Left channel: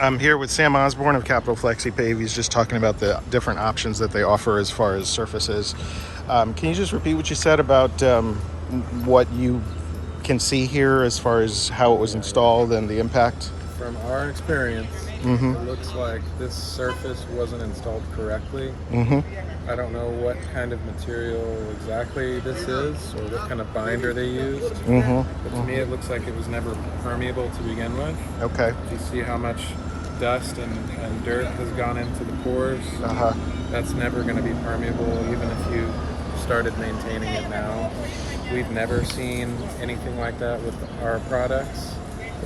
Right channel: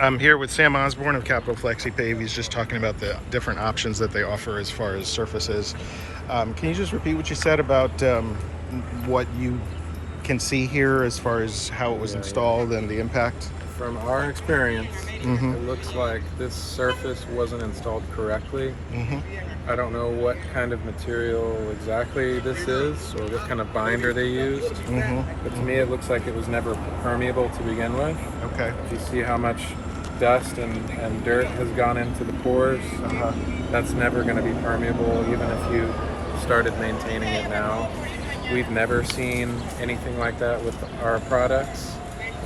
I'm here with Sam Osborn of Capital Flexi-Pave. He's just talking about the different options that they offer as far as surfaces. Can you just repeat what you said about what you can see here as far as how it was installed and the impact? From our experience, it looks like this surface wasn't installed correctly. I don't know what kind of material exactly this is or what kind of binder they used. But to me, it looks like it was never permeable to begin with. Okay. You see how much dust and dirt has gone into the pores. That's never going to be permeable, even if you started maintaining it now. We've never seen anything like that with our products.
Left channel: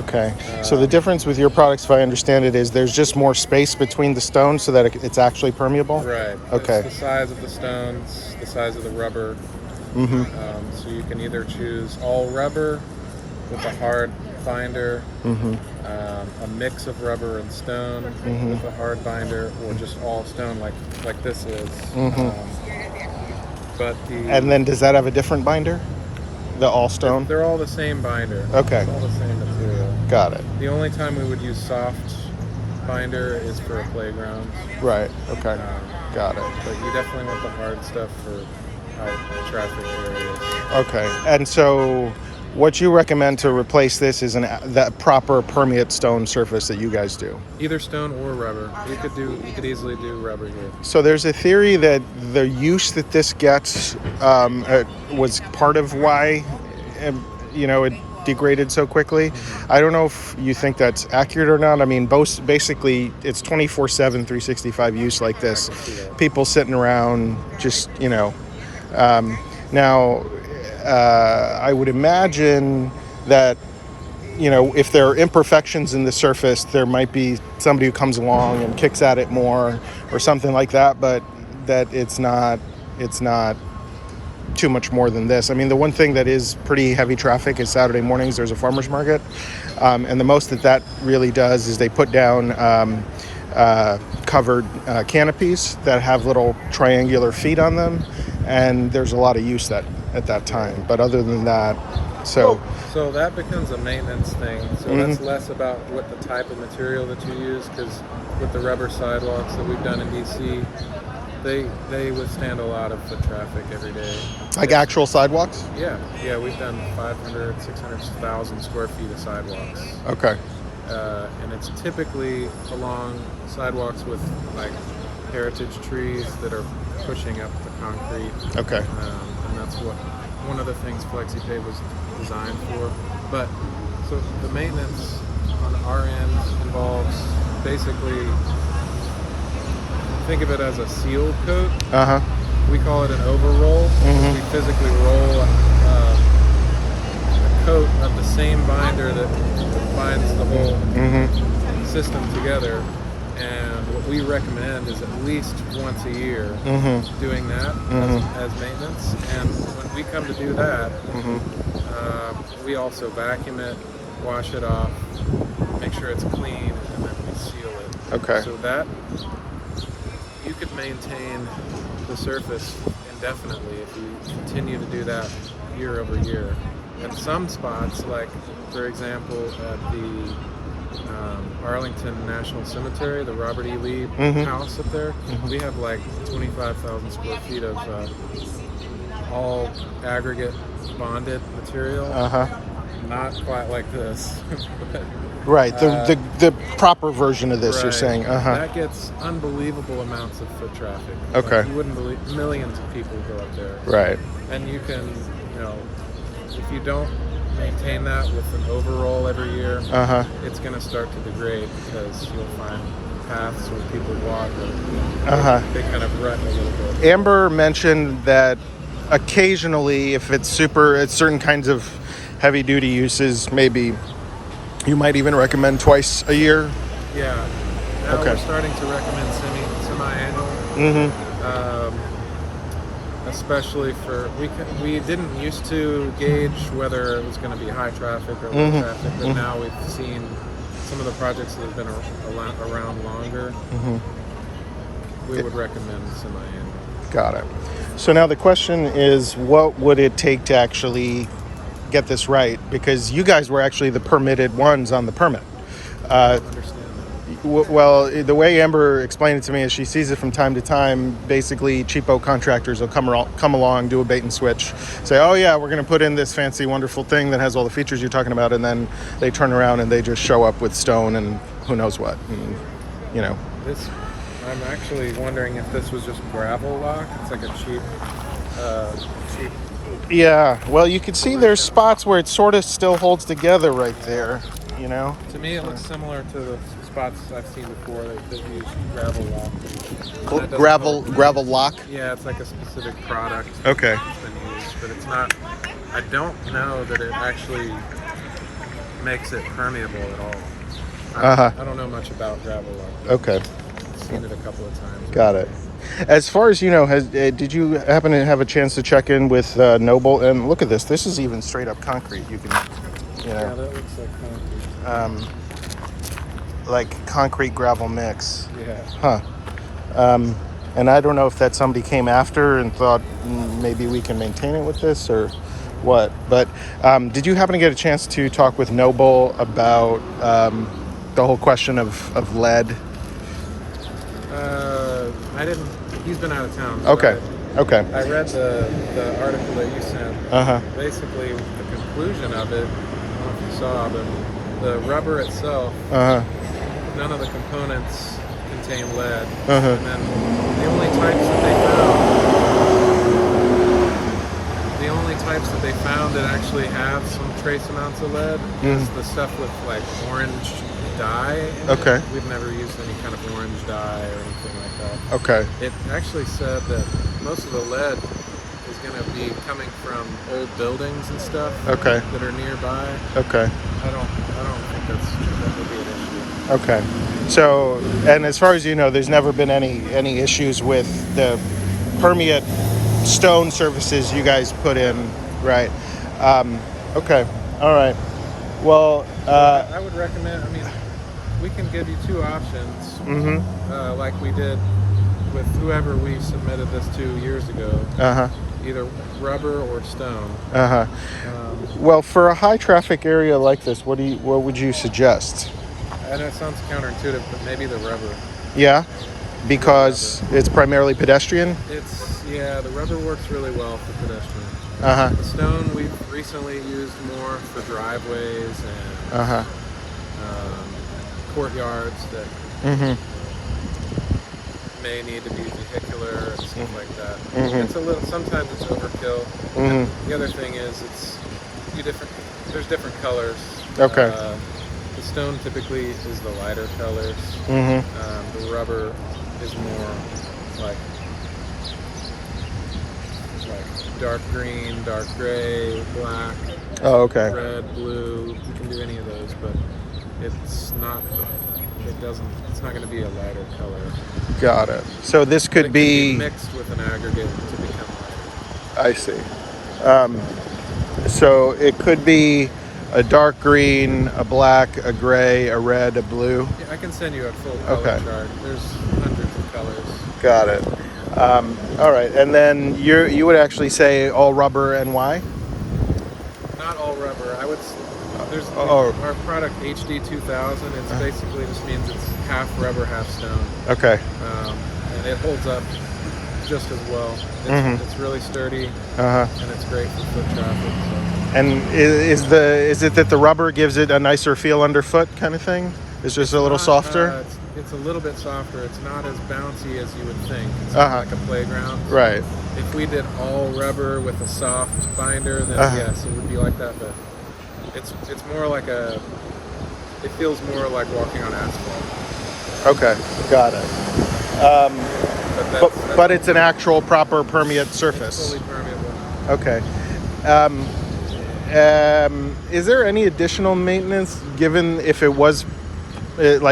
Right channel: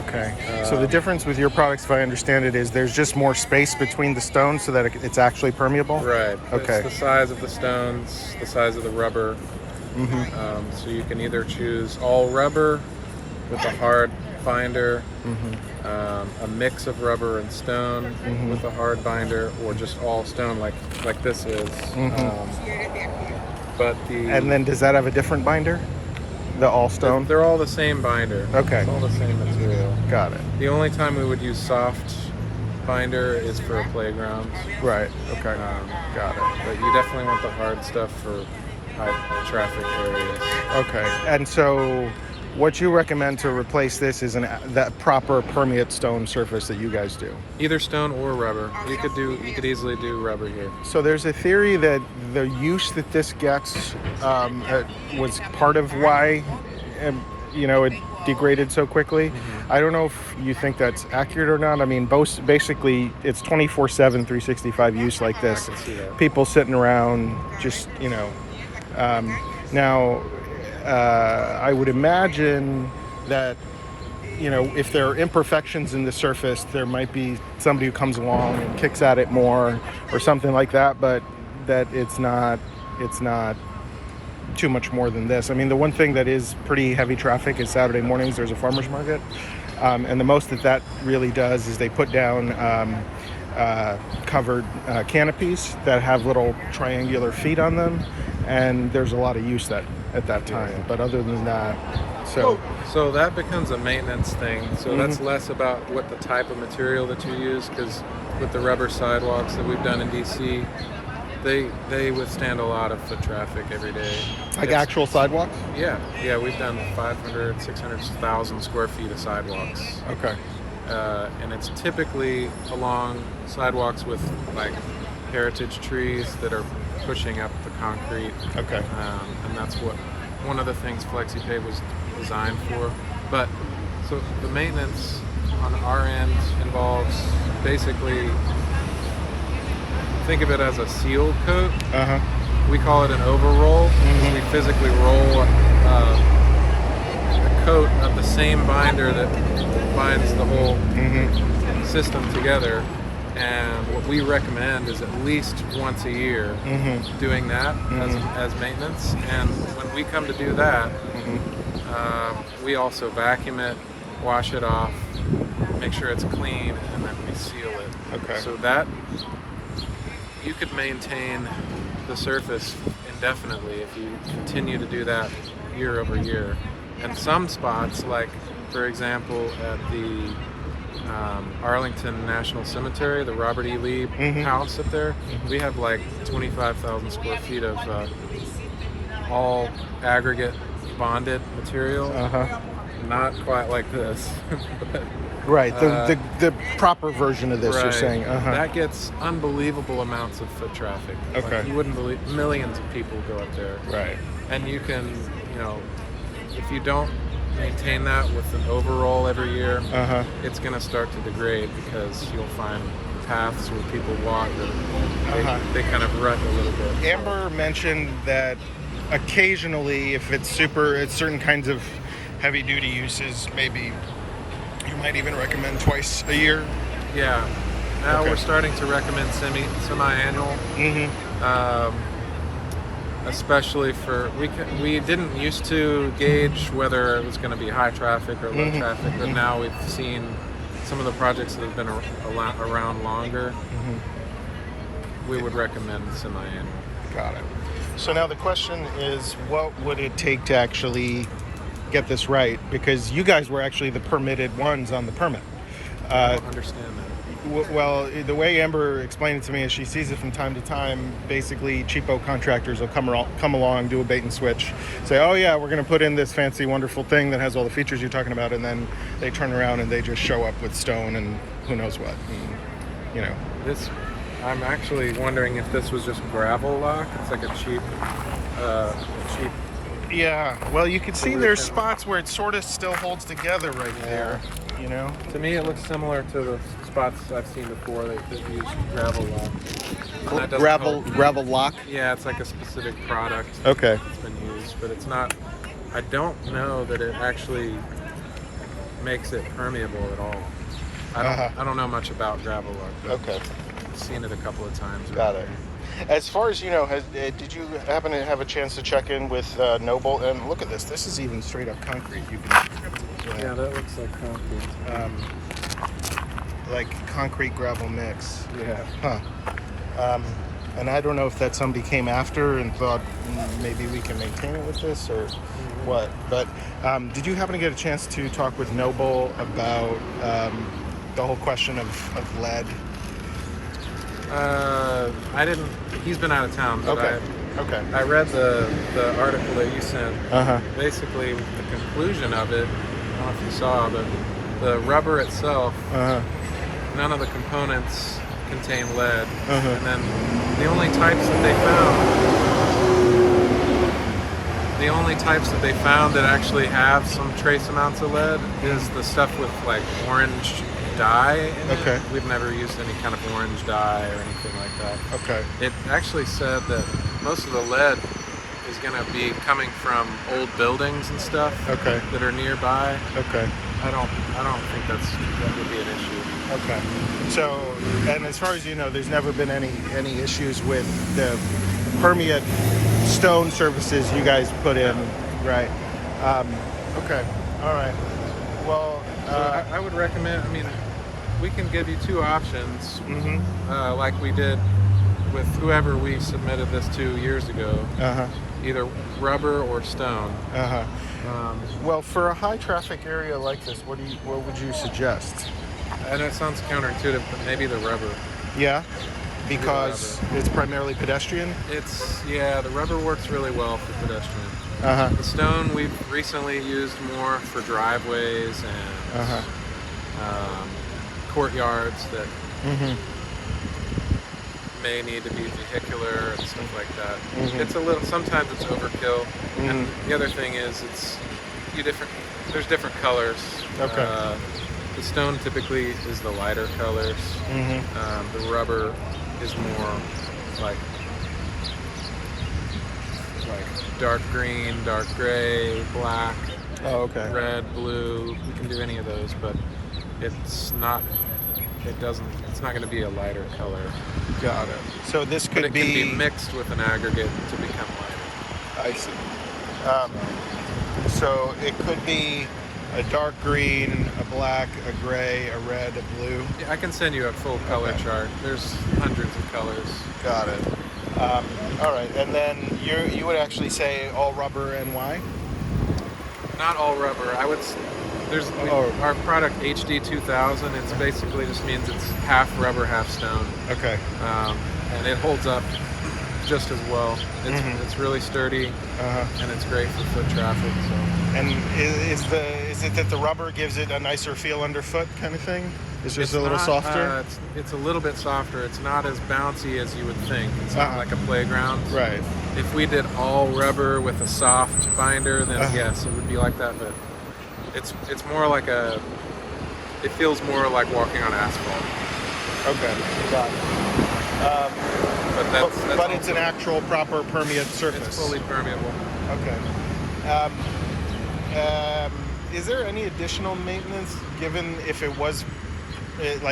Okay. So the difference with your products, if I understand it, is there's just more space between the stones so that it's actually permeable? Right. Okay. It's the size of the stones, the size of the rubber. So you can either choose all rubber with a hard binder, a mix of rubber and stone with a hard binder, or just all stone like this is. And then does that have a different binder? The all stone? They're all the same binder. Okay. It's all the same material. Got it. The only time we would use soft binder is for a playground. Right. Okay. Got it. But you definitely want the hard stuff for high traffic areas. Okay. And so what you recommend to replace this is that proper permeate stone surface that you guys do? Either stone or rubber. You could easily do rubber here. So there's a theory that the use that this gets was part of why it degraded so quickly. I don't know if you think that's accurate or not. I mean, basically it's 24/7, 365 use like this. People sitting around just, now I would imagine that, if there are imperfections in the surface, there might be somebody who comes along and kicks at it more or something like that, but that it's not too much more than this. I mean, the one thing that is pretty heavy traffic is Saturday mornings. There's a farmer's market. And the most that really does is they put down covered canopies that have little triangular feet on them. And there's a lot of use at that time. But other than that, so that becomes a maintenance thing. So that's less about what the type of material that you use, because with the rubber sidewalks that we've done in DC, they withstand a lot of foot traffic every day. Like actual sidewalks? Yeah, we've done 500, 600,000 square feet of sidewalks. Okay. And it's typically along sidewalks with like heritage trees that are pushing up the concrete. Okay. And that's what one of the things Flexi-Pave was designed for. But so the maintenance on our end involves basically, think of it as a seal coat. We call it an overroll. We physically roll a coat of the same binder that binds the whole system together. And what we recommend is at least once a year doing that as maintenance. And when we come to do that, we also vacuum it, wash it off, make sure it's clean, and then we seal it. Okay. So that you could maintain the surface indefinitely if you continue to do that year over year. And some spots, like for example at the Arlington National Cemetery, the Robert E. Lee house up there, we have like 25,000 square feet of all aggregate bonded material. Not quite like this. Right, the proper version of this, right. You're saying. That gets unbelievable amounts of foot traffic. Okay. Like, you wouldn't believe, millions of people go up there. Right. And you can, if you don't maintain that with an overall every year, it's going to start to degrade, because you'll find paths where people walk that they kind of rut a little bit. Amber mentioned that occasionally, if it's certain kinds of heavy duty uses, maybe you might even recommend twice a year. Yeah. Now we're starting to recommend semi-annual. Especially for, we didn't used to gauge whether it was going to be high traffic or low traffic, but now we've seen some of the projects that have been around longer. We would recommend semi-annual. Got it. So now the question is, what would it take to actually get this right? Because you guys were actually the permitted ones on the permit. I don't understand that. Well, the way Amber explained it to me is she sees it from time to time. Basically, cheapo contractors will come along, do a bait and switch, say, "Oh yeah, we're going to put in this fancy, wonderful thing that has all the features you're talking about," and then they turn around and they just show up with stone and who knows what. And, you know, I'm actually wondering if this was just gravel lock. It's like a cheap. Yeah. Well, you can see there's spots where it sort of still holds together right there. You know. To me, it looks similar to the spots I've seen before that use gravel lock. Gravel lock. Yeah, it's like a specific product. Okay. That's been used, but it's not. I don't know that it actually makes it permeable at all. I don't know much about gravel lock. Okay. I've seen it a couple of times. Got it. As far as you know, did you happen to have a chance to check in with Noble? And look at this. This is even straight up concrete. You can, Yeah, that looks like concrete. Like concrete gravel mix. Yeah. Huh. And I don't know if that somebody came after and thought maybe we can maintain it with this or what. But did you happen to get a chance to talk with Noble about the whole question of lead? I didn't. He's been out of town. So Okay. I read the article that you sent. Basically, the conclusion of it. I don't know if you saw, but the rubber itself. None of the components contain lead, and then the only types that they found that actually have some trace amounts of lead is the stuff with like orange dye in it. We've never used any kind of orange dye or anything like that. Okay. It actually said that most of the lead is going to be coming from old buildings and stuff that are nearby. Okay. I don't think that would be an issue. Okay. So, and as far as you know, there's never been any issues with the permeate stone surfaces you guys put in, right? Okay. All right. Well, I would recommend. I mean, we can give you two options, like we did with whoever we submitted this to years ago. Either rubber or stone. Well, for a high traffic area like this, what would you suggest? I know it sounds counterintuitive, but maybe the rubber. Yeah, because it's primarily pedestrian. The rubber works really well for pedestrian. The stone we've recently used more for driveways and courtyards that may need to be vehicular and stuff like that. It's a little. Sometimes it's overkill. And the other thing is there's different colors. The stone typically is the lighter colors. The rubber is more like dark green, dark gray, black, red, blue. We can do any of those, but it's not going to be a lighter color. Got it. So this could can be mixed with an aggregate to become lighter. I see. So it could be a dark green, a black, a gray, a red, a blue. Yeah, I can send you a full color chart. There's hundreds of colors. Got it. All right, and then you would actually say all rubber and why? Not all rubber. I would. There's our product HD 2000. It's basically just means it's half rubber, half stone. Okay. And it holds up just as well. It's really sturdy, and it's great for foot traffic. So. And is it that the rubber gives it a nicer feel underfoot, kind of thing? It's just a little softer? It's a little bit softer. It's not as bouncy as you would think. It's not like a playground. Right. If we did all rubber with a soft binder, then yes, it would be like that. But it's more like it feels more like walking on asphalt. Okay, got it. But it's an actual proper permeate surface. It's fully permeable. Okay. Is there any additional maintenance given if it was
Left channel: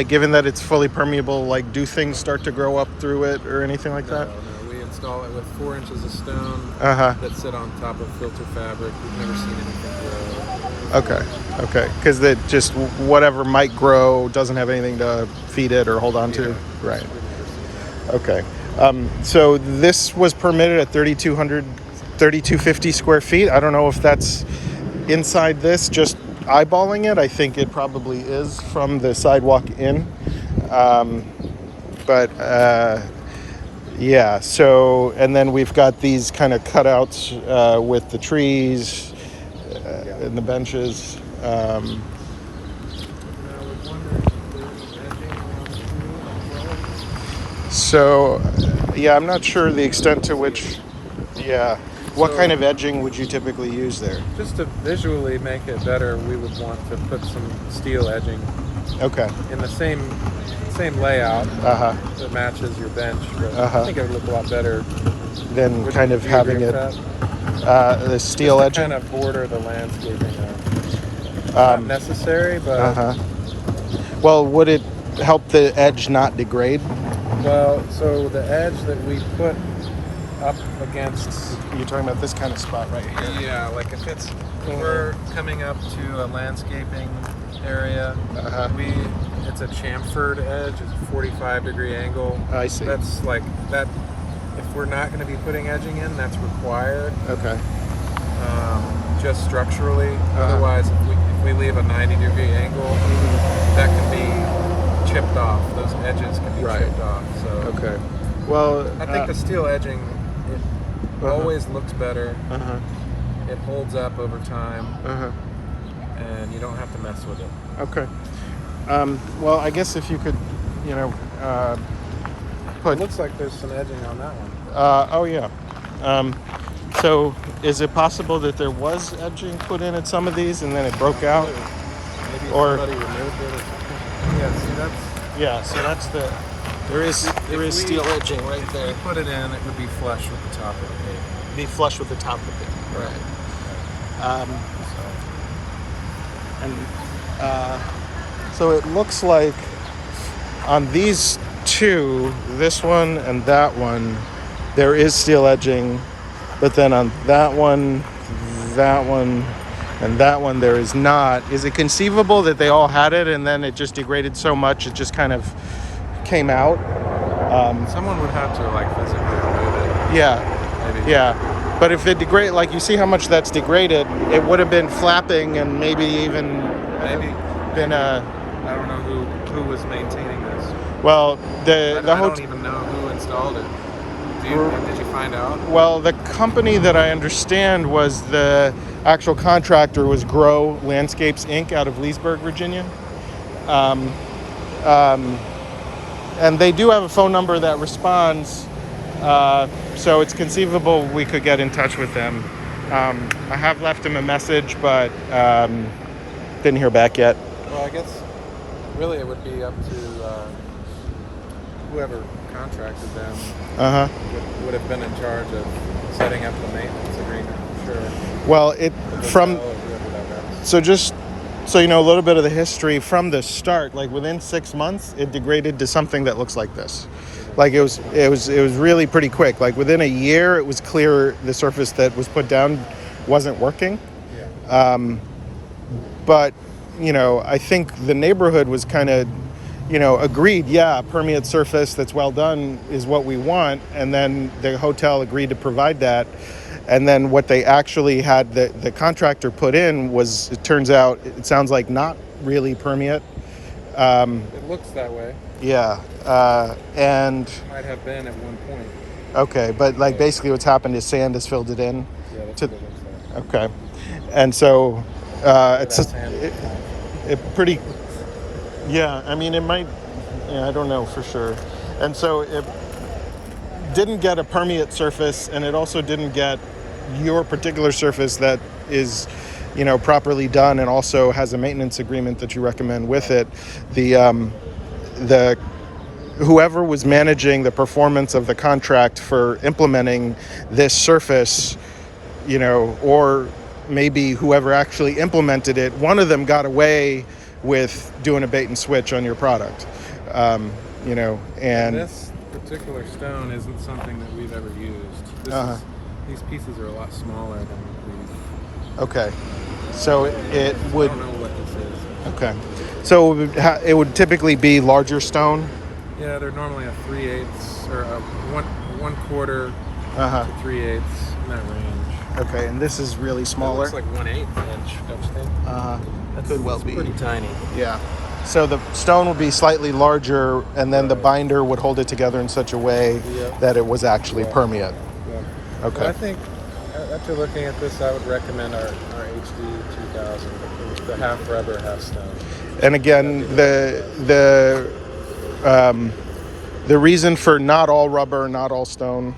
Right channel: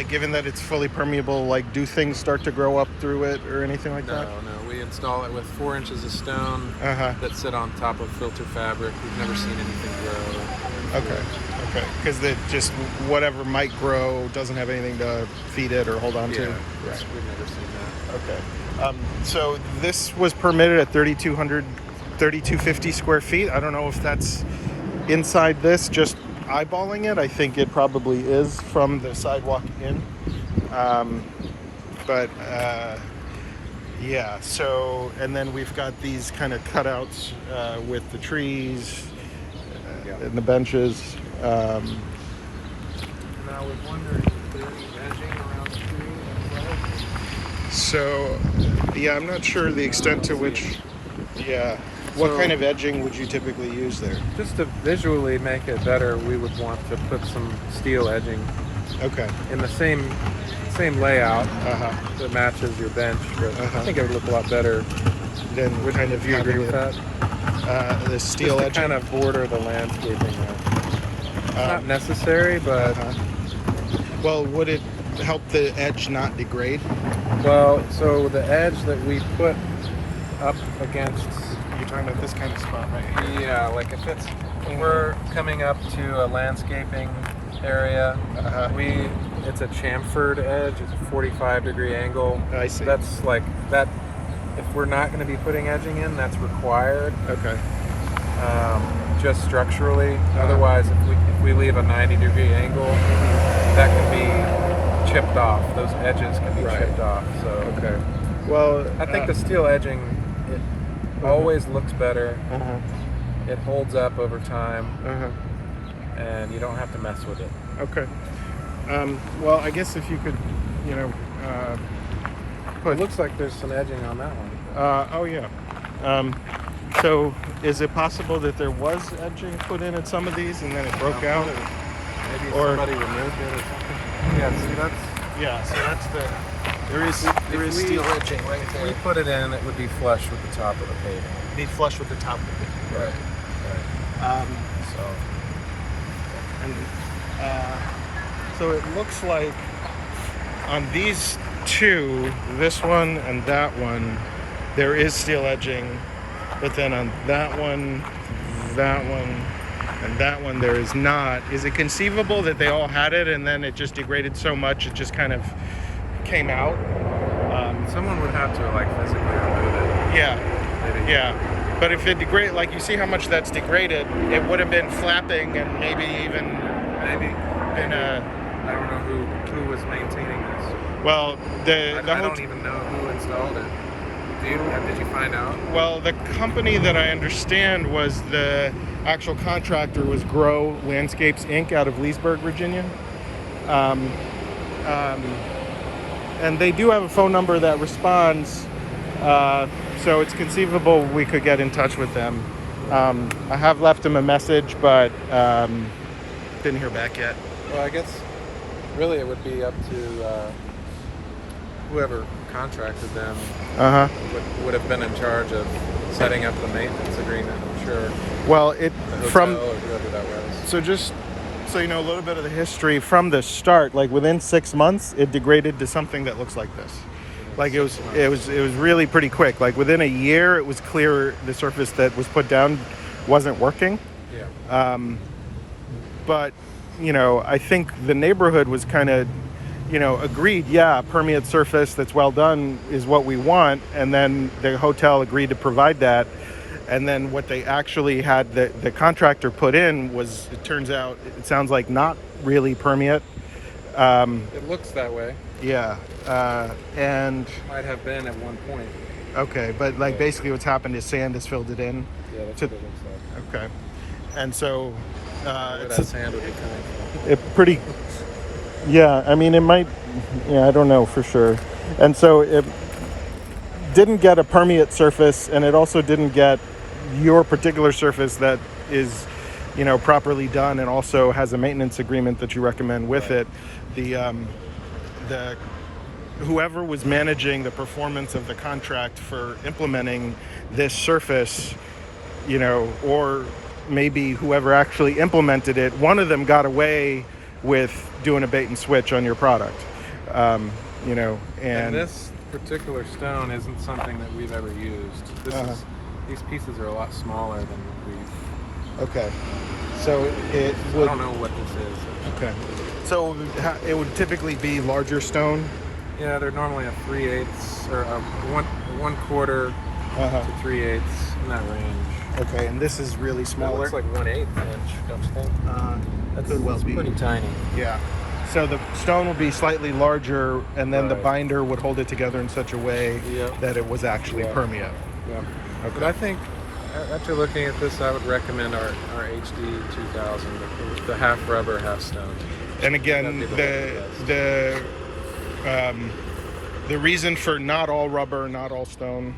given that it's fully permeable, like do things start to grow up through it or anything like that? No. We install it with 4 inches of stone that sit on top of filter fabric. We've never seen anything grow. Okay. Because that just whatever might grow doesn't have anything to feed it or hold on to? Right. We've never seen that. Okay. So this was permitted at 3,250 square feet. I don't know if that's inside this, just eyeballing it. I think it probably is from the sidewalk in. But yeah, so, and then we've got these kind of cutouts with the trees and the benches. And I was wondering if there's any edging around the pool as well. So, yeah, I'm not sure the extent to which, yeah. What kind of edging would you typically use there? Just to visually make it better, we would want to put some steel edging. Okay. In the same layout Uh-huh. that matches your bench. But Uh-huh. I think it would look a lot better Then kind of having it the steel just edging. kind of border the landscaping. Not necessary, but Uh-huh. Well, would it help the edge not degrade? well, so the edge that we put up against, You're talking about this kind of spot right here. yeah, like if we're coming up to a landscaping area, Uh-huh. it's a chamfered edge, it's a 45-degree angle. I see. That's like that. If we're not going to be putting edging in, that's required. Okay. Just structurally. Uh-huh. Otherwise, if we leave a 90-degree angle, that can be chipped off. Those edges can be Right. chipped off. So Okay. Well, I think the steel edging always looks better. Uh-huh. It holds up over time, Uh-huh. and you don't have to mess with it. Okay. Well, I guess if you could, put. It looks like there's some edging on that one. Oh yeah. So is it possible that there was edging put in at some of these and then it broke out? Maybe Or- somebody removed it or something. Yeah, see, Yeah. So that's there is if we- steel edging right if there. we put it in, it would be flush with the top of the pavement. Be flush with the top of it. Right. So and so it looks like on these two, this one and that one, there is steel edging, but then on that one, and that one, there is not. Is it conceivable that they all had it and then it just degraded so much it just kind of came out? Someone would have to like physically remove it. Yeah, Maybe. yeah. But if it degrade, like you see how much that's degraded, it would have been flapping and maybe even been a. I don't know who was maintaining this. Well, the I don't hotel. even know who installed it. Did you find out? Well, the company that I understand was the actual contractor was Grow Landscapes Inc. out of Leesburg, Virginia. And they do have a phone number that responds, so it's conceivable we could get in touch with them. I have left them a message, but didn't hear back yet. Well, I guess really it would be up to whoever contracted them Uh-huh. would have been in charge of setting up the maintenance agreement, I'm sure. Well, The hotel from or whoever that was. so just so you know a little bit of the history from the start, like within 6 months, it degraded to something that looks like this. Like it was really pretty quick. Like within a year, it was clear the surface that was put down wasn't working. Yeah. But I think the neighborhood was kind of, agreed. Yeah, permeate surface that's well done is what we want, and then the hotel agreed to provide that. And then what they actually had the contractor put in was, it turns out, it sounds like not really permeate. It looks that way. Yeah, and Might have been at one point. okay, but like basically what's happened is sand has filled it in. Yeah, that's To- what it looks like. Okay, and so it's That sand would be coming from. it pretty. Yeah, I mean it might. Yeah, I don't know for sure. And so it didn't get a permeate surface, and it also didn't get your particular surface that is, properly done, and also has a maintenance agreement that you recommend with it. The whoever was managing the performance of the contract for implementing this surface, or maybe whoever actually implemented it, one of them got away with doing a bait and switch on your product, and This particular stone isn't something that we've ever used. These pieces are a lot smaller than we've. okay, so it I would. don't know what this is. Okay, so it would typically be larger stone. Yeah, they're normally a 3/8 or a 1/4 Uh-huh. to 3/8 in that range. Okay, and this is really That smaller. looks like 1/8 inch, don't you think? That That's could well it's be. pretty tiny. Yeah. So the stone would be slightly larger, and then the Right. binder would hold it together in such a way Yep. that it was actually Yeah. permeate. Yeah. Okay. But I think after looking at this, I would recommend our HD 2000. It's the half rubber, half stone. And again, the reason for not all rubber, not all stone.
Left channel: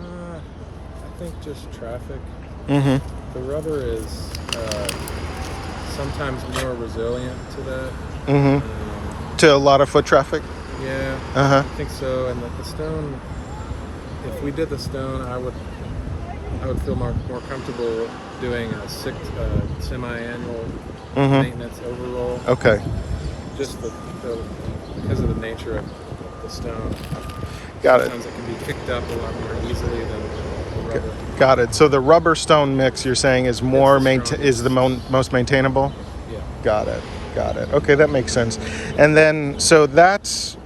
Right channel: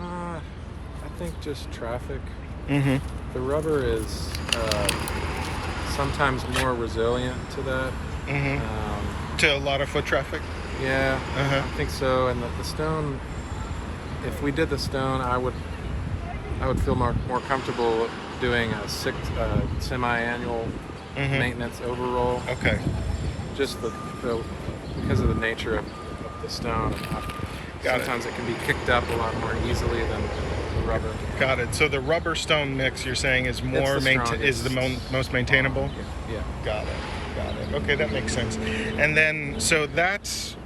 I think just traffic. Mm-hmm. The rubber is sometimes more resilient to that. Mm-hmm. To a lot of foot traffic. Yeah, Uh-huh. I think so. And the stone, if we did the stone, I would feel more comfortable doing a semi-annual Mm-hmm. maintenance overroll. Okay. Just because of the nature of the stone. Got it. Sometimes it can be kicked up a lot more easily than the rubber. Got it. So the rubber stone mix you're saying is more most maintainable? Yeah. Got it. Okay, that makes sense. And then so that's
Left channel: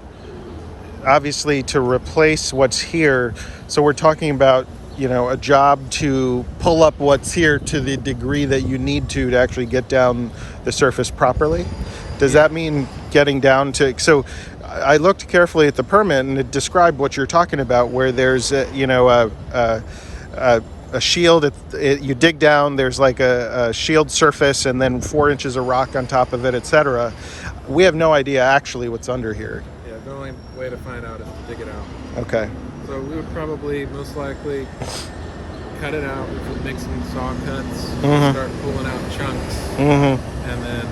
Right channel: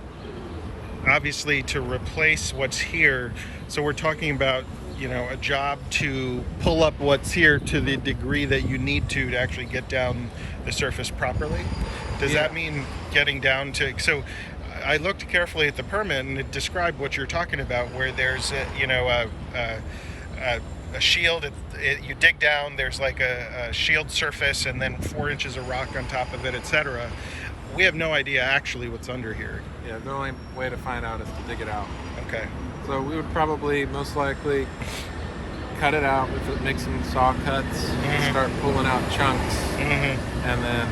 obviously to replace what's here. So we're talking about, a job to pull up what's here to the degree that you need to actually get down the surface properly. Does that mean getting down to, so I looked carefully at the permit and it described what you're talking about, where there's a shield, you dig down, there's like a shield surface and then 4 inches of rock on top of it, etc. We have no idea actually what's under here. Yeah, the only way to find out is to dig it out. Okay. So we would probably most likely cut it out make some saw cuts, start pulling out chunks, and then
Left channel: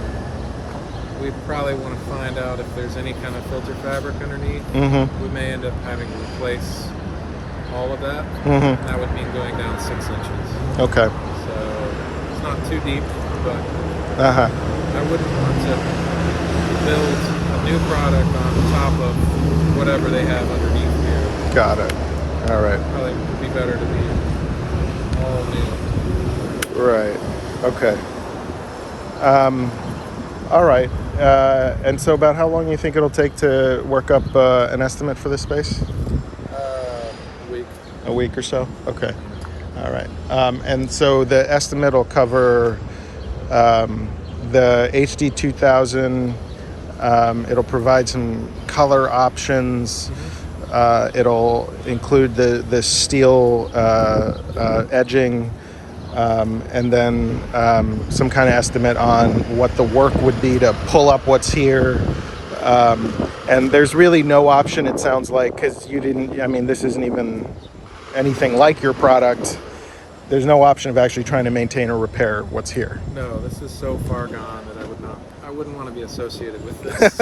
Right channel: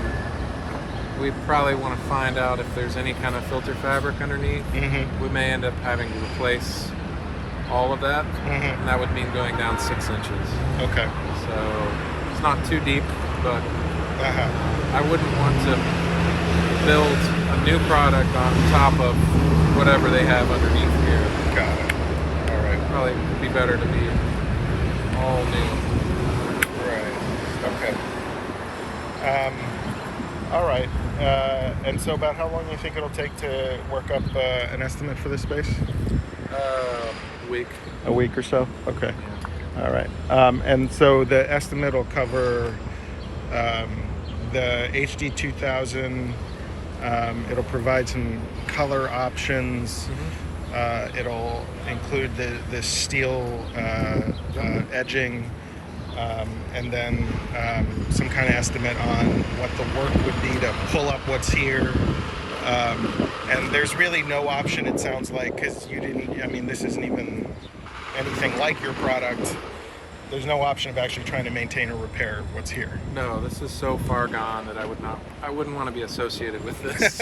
we'd probably want to find out if there's any kind of filter fabric underneath. We may end up having to replace all of that, and that would mean going down 6 inches. Okay. So it's not too deep, but I wouldn't want to build a new product on top of whatever they have underneath here. Got it. All right. Probably would be better to be all new. Right. Okay. All right. And so about how long do you think it'll take to work up an estimate for this space? A week. A week or so? Okay. All right. And so the estimate will cover the HD 2000. It'll provide some color options. It'll include the steel edging, and then some kind of estimate on what the work would be to pull up what's here. And there's really no option, it sounds like, because this isn't even anything like your product. There's no option of actually trying to maintain or repair what's here. No, this is so far gone that I wouldn't want to be associated with this.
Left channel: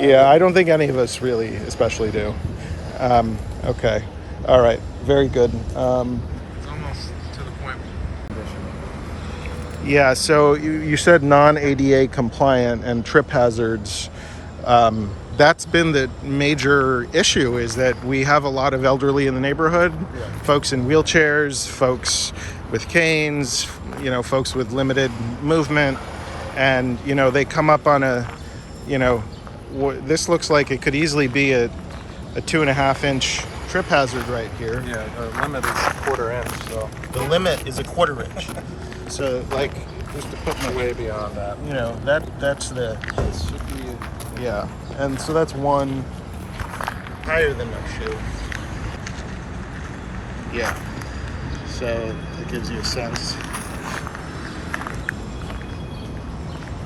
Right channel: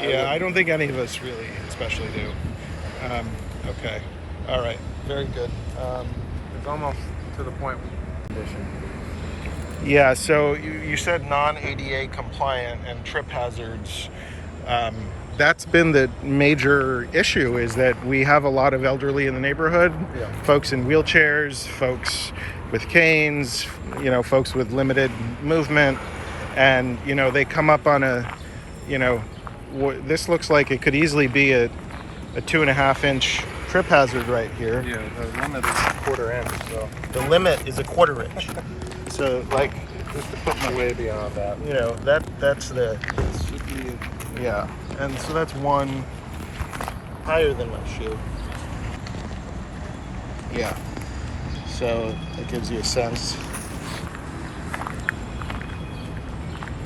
Yeah, I don't think any of us really especially do. Okay. All right. Very good. It's almost to the point condition. Yeah, so you said non-ADA compliant and trip hazards. That's been the major issue, is that we have a lot of elderly in the neighborhood, folks in wheelchairs, folks with canes, folks with limited movement, and, they come up on this looks like it could easily be a 2.5 inch trip hazard right here. Yeah, the limit is 1/4 inch, so. The limit is 1/4 inch. So, just to put my, Way beyond that. that's the, It should be. yeah. And so that's one higher than my shoe. Yeah. So that gives you a sense.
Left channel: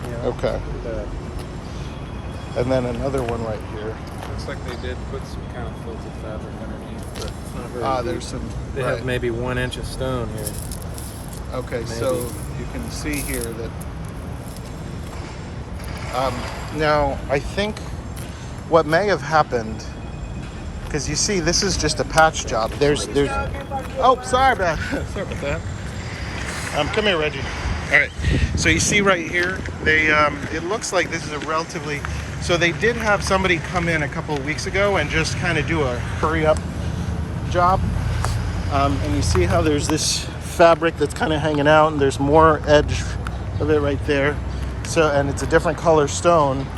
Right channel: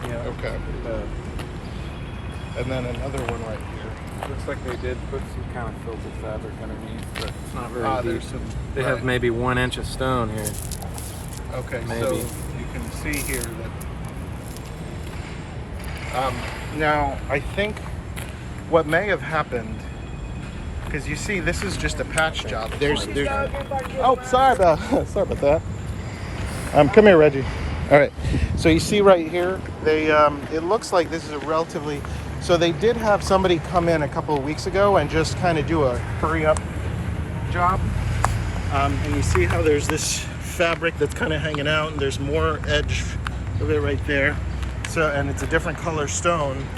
Yeah. Okay. And then another one right here. Looks like they did put some kind of filtered fabric underneath, but it's not very deep. There's some. They have maybe 1 inch of stone here. Okay, maybe. so you can see here that. Now I think what may have happened, because you see this is just a patch job. There's. Oh, sorry about that. Come here, Reggie. All right. So you see right here, they it looks like this is a relatively. So they did have somebody come in a couple of weeks ago and just kind of do a hurry up job. And you see how there's this fabric that's kind of hanging out, and there's more edge of it right there. So, and it's a different color stone.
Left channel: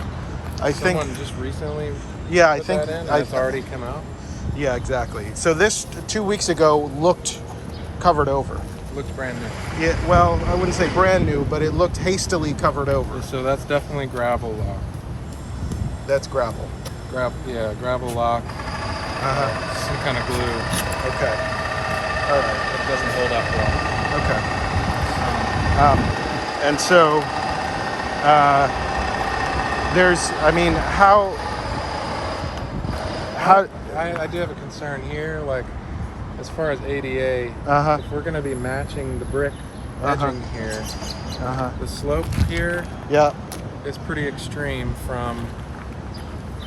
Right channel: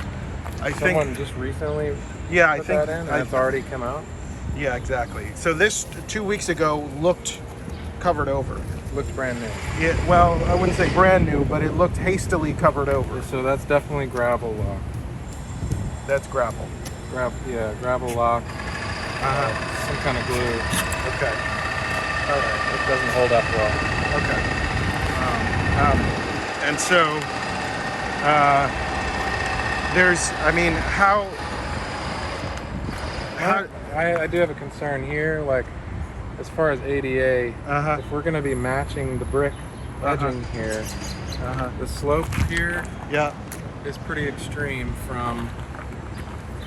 Someone just recently. Yeah, I put think that in, it's already come out. Yeah, exactly. So this 2 weeks ago looked covered over. looks brand new. Yeah, well, I wouldn't say brand new, but it looked hastily covered over. So that's definitely gravel lock. That's gravel. Gravel lock. Some kind of glue. Okay. All right. It doesn't hold up well. Okay. And so there's, I mean, how I do have a concern here, like as far as ADA, if we're going to be matching the brick edging here, the slope here is pretty extreme from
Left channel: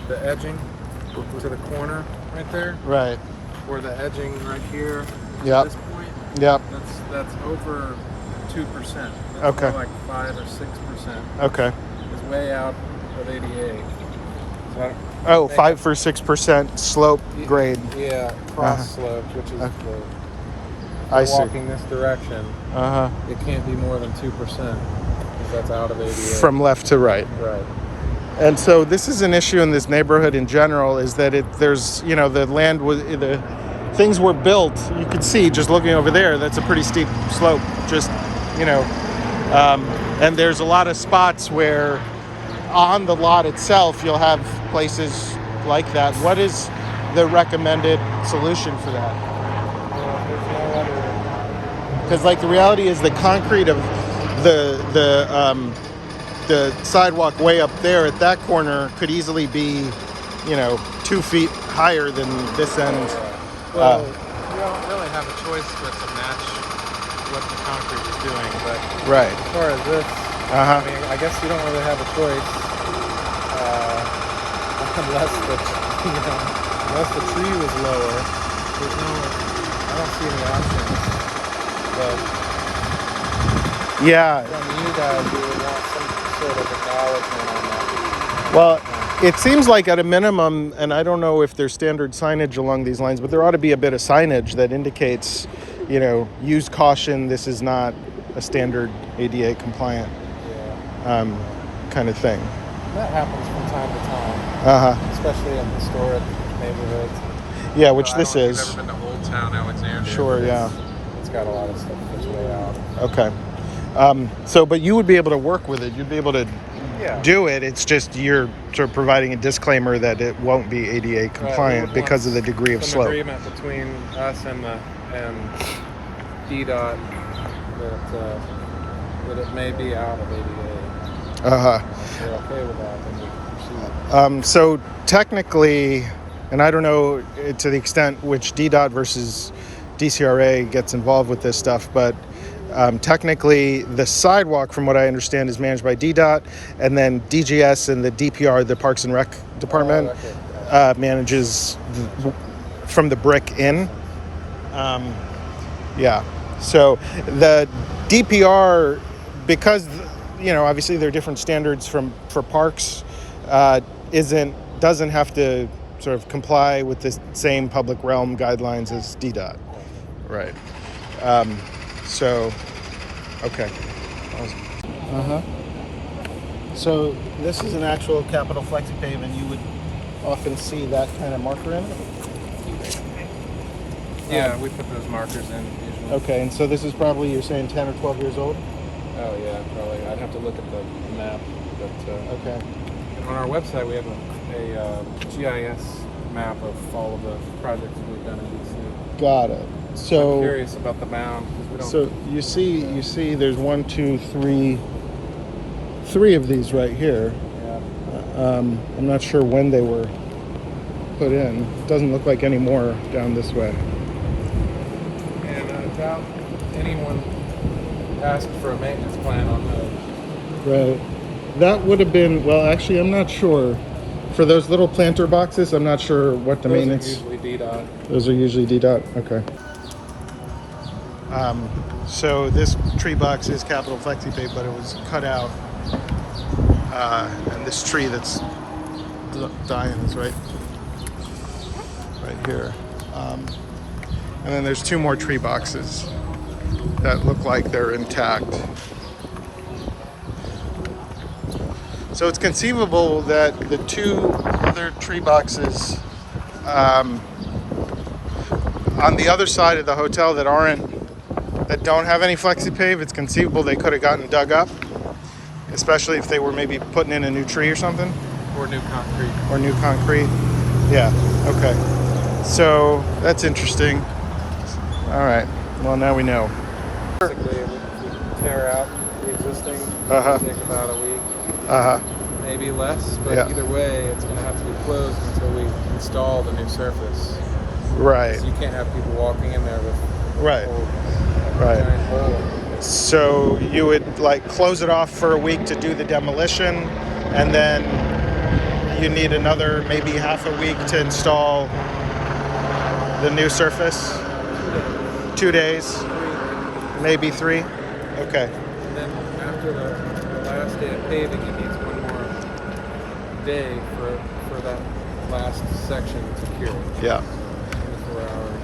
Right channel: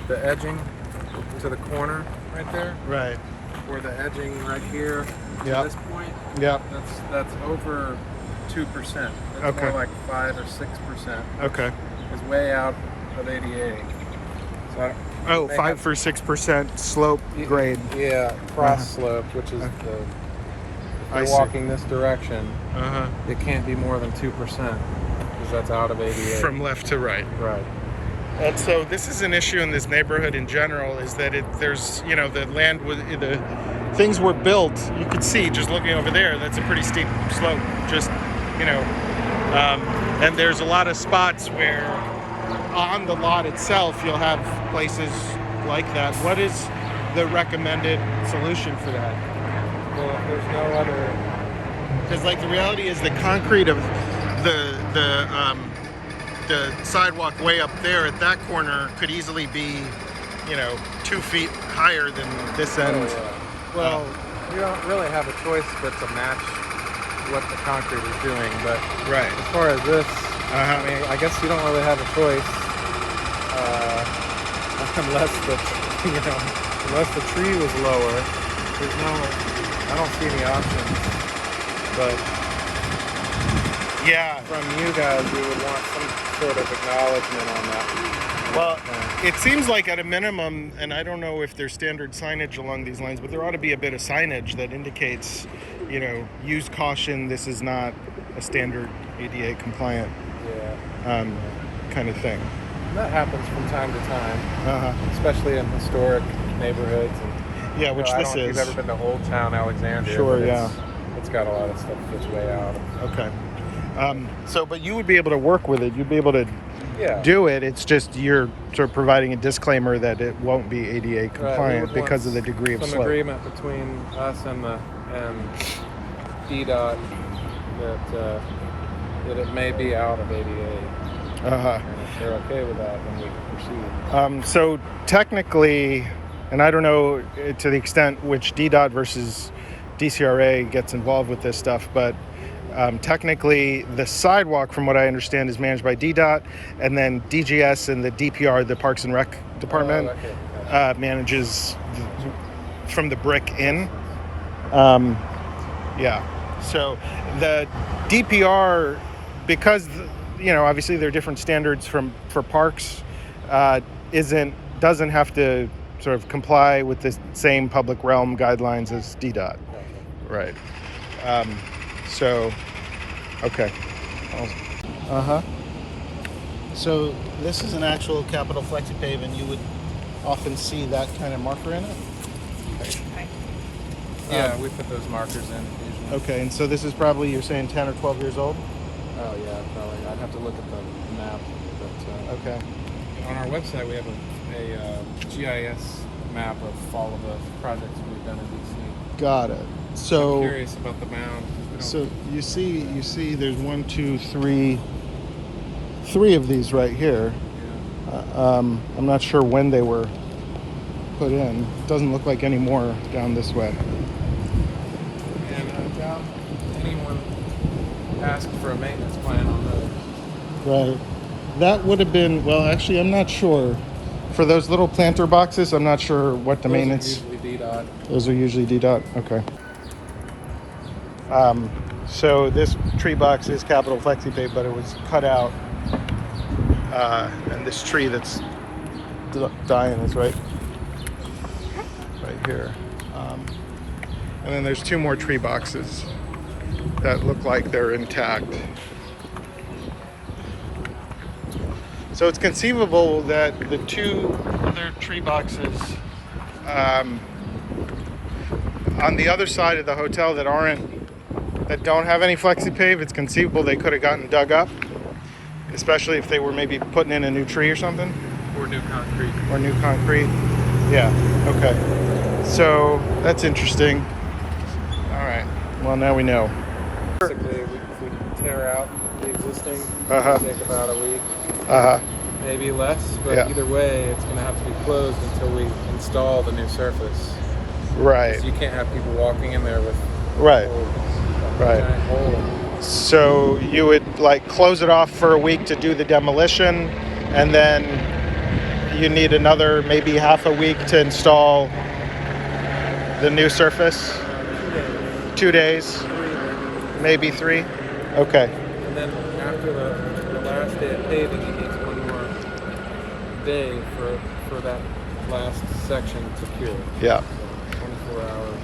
the edging to the corner right there. Right. Or the edging right here to this point. Yep. That's over 2%. That's more like 5 or 6%. Okay. Is way out of ADA. So 5 or 6% slope grade. Yeah, cross slope, which is the. I If see. you're walking this direction, it can't be more than 2% because that's out of ADA. From left to right. Right. And so this is an issue in this neighborhood in general, is that there's, you know, the land was, the things were built, you could see just looking over there, that's a pretty steep slope, just, you know, and there's a lot of spots where on the lot itself, you'll have places like that. What is the recommended solution for that? Well, there's no other. Because like the reality is the concrete of the sidewalk way up there at that corner could easily be, you know, 2 feet higher than this end. Well, you don't really have a choice but to match what the concrete is doing. But Right. as far as this, I mean, I guess you don't really have a choice unless the tree was lower. I don't see any options. But from you guys, we would want some sort of acknowledgement on that. Well, it seems like at a minimum, and I don't know if there's standard signage along these lines, but there ought to be a bit of signage that indicates, you know, use caution, this is not a standard ADA compliant kind of thing. And that happens from time to time, especially in historic neighborhoods. Yeah, which this I've is. never been to Old Town Alexandria. Sure, It's got a lot of stuff that's way out. Okay. But you would be able to work with it. You'd be able to do it. It's just you're sort of providing a disclaimer that it won't be ADA compliant because of the degree of slope. Agreement between us and DDOT that it may be out of ADA. And if they're okay with that, then we can proceed. So technically, and I don't know to the extent which DDOT versus DCRA gets involved with this stuff, but technically the sidewalk, from what I understand, is managed by DDOT, and then DGS and the DPR, the Parks and Rec Department, manages from the brick in. So the DPR, because, you know, obviously there are different standards for parks, doesn't have to sort of comply with the same public realm guidelines as DDOT. Right. Okay. So this is an actual capital Flexi-Pave, and you would often see that kind of marker in it? Yeah, we put those markers in usually. Okay, and so this is probably, you're saying 10 or 12 years old? Oh yeah, probably. I'd have to look at the map, but okay. On our website we have a GIS map of all of the projects that we've done in DC. Got it. So I'm curious about the mound. So you see, there's 1, 2, 3 of these right here. Yeah. I'm not sure when they were put in. It doesn't look like any more down this way. And I doubt anyone asked for a maintenance plan on those. Right. That would have been, well, actually, I'm not sure. For those little planter boxes, I'm not sure what the maintenance. Those are usually DDOT. Those are usually DDOT. Okay. So this tree box is capital Flexi-Pave, but it was cut out. And this tree that's dying is right here. And then there's 2 more tree boxes that look like they're intact. So it's conceivable that the 2 other tree boxes on the other side of the hotel that that don't have any Flexi-Pave, it's conceivable they could have gotten dug up, especially if they were maybe putting in a new tree or something. Or new concrete. Or new concrete. Yeah, okay. So that's interesting. All right, well, now we know. Basically, if we tear out the existing, Uh-huh. it'll take about a week, maybe less, but Yeah. either way, it's going to have to be closed until we install the new surface. Right, So you can't have people walking in there with right, old, right. giant hole. So you would like close it off for a week to do the demolition, and then you need another maybe half a week to install the new surface? 2 days, maybe 3? Okay. And then after the last day of paving, it needs one more day for that last section to cure. Yeah. So 24 hours.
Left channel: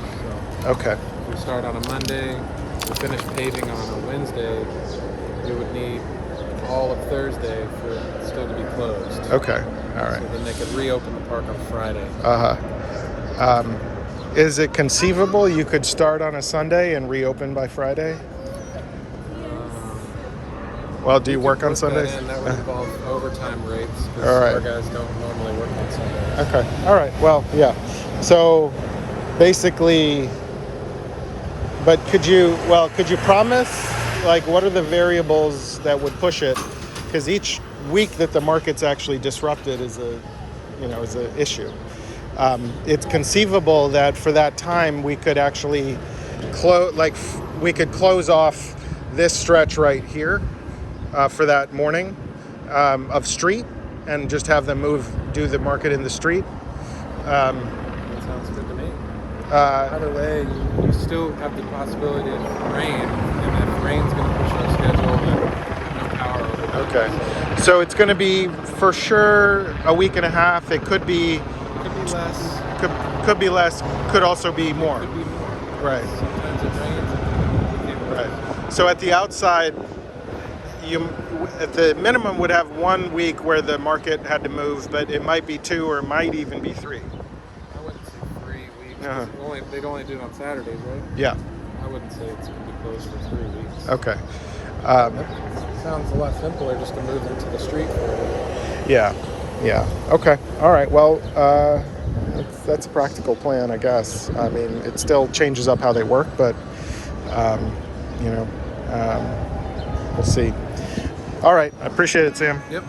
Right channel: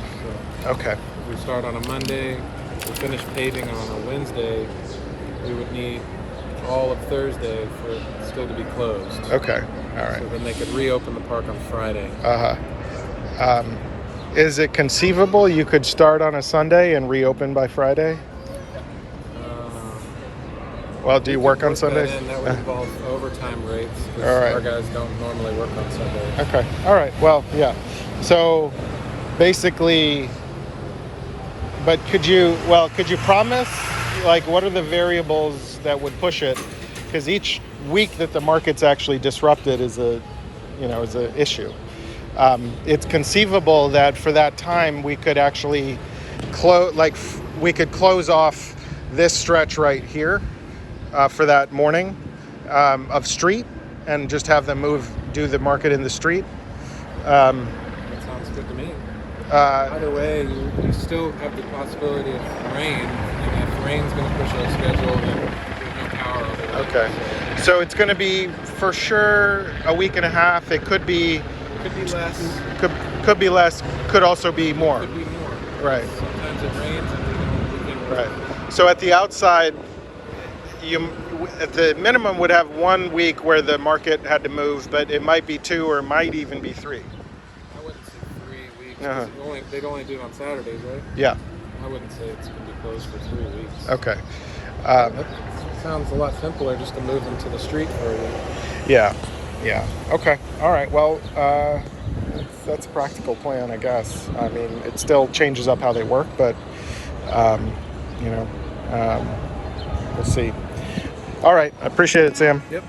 So Okay. if we start on a Monday, we finish paving on a Wednesday, we would need all of Thursday for it still to be closed. Okay. All right. So then they could reopen the park on Friday. Is it conceivable you could start on a Sunday and reopen by Friday? Well, do you work on Sundays? That would involve overtime rates because All right. our guys don't normally work on Sundays. Okay. All right. Well, yeah. So basically, but could you promise, like, what are the variables that would push it? Because each week that the market's actually disrupted is an issue. It's conceivable that for that time we could actually close off this stretch right here for that morning of street and just have them do the market in the street. That sounds good to me. Either way, you still have the possibility of rain, and if rain's going to push our schedule, then we have no power over that. Okay. So it's going to be for sure a week and a half. It could be less. Could be less. Could also be more. Could be more. Right. Sometimes it rains, and Right. So at the outside, you at the minimum would have 1 week where the market had to move, but it might be 2 or it might even be 3. I wouldn't say 3 weeks. Uh-huh. They'd only do it on Saturdays, right? Yeah. I wouldn't say it's going to be closed for 3 weeks. Okay. That sounds a lot simpler just to move them to the street for a week. Yeah. Yeah. Okay. All right. Well, that's a practical plan, I guess. I mean, it still changes up how they work, but we'll see. All right. I appreciate it, Sam. Yep.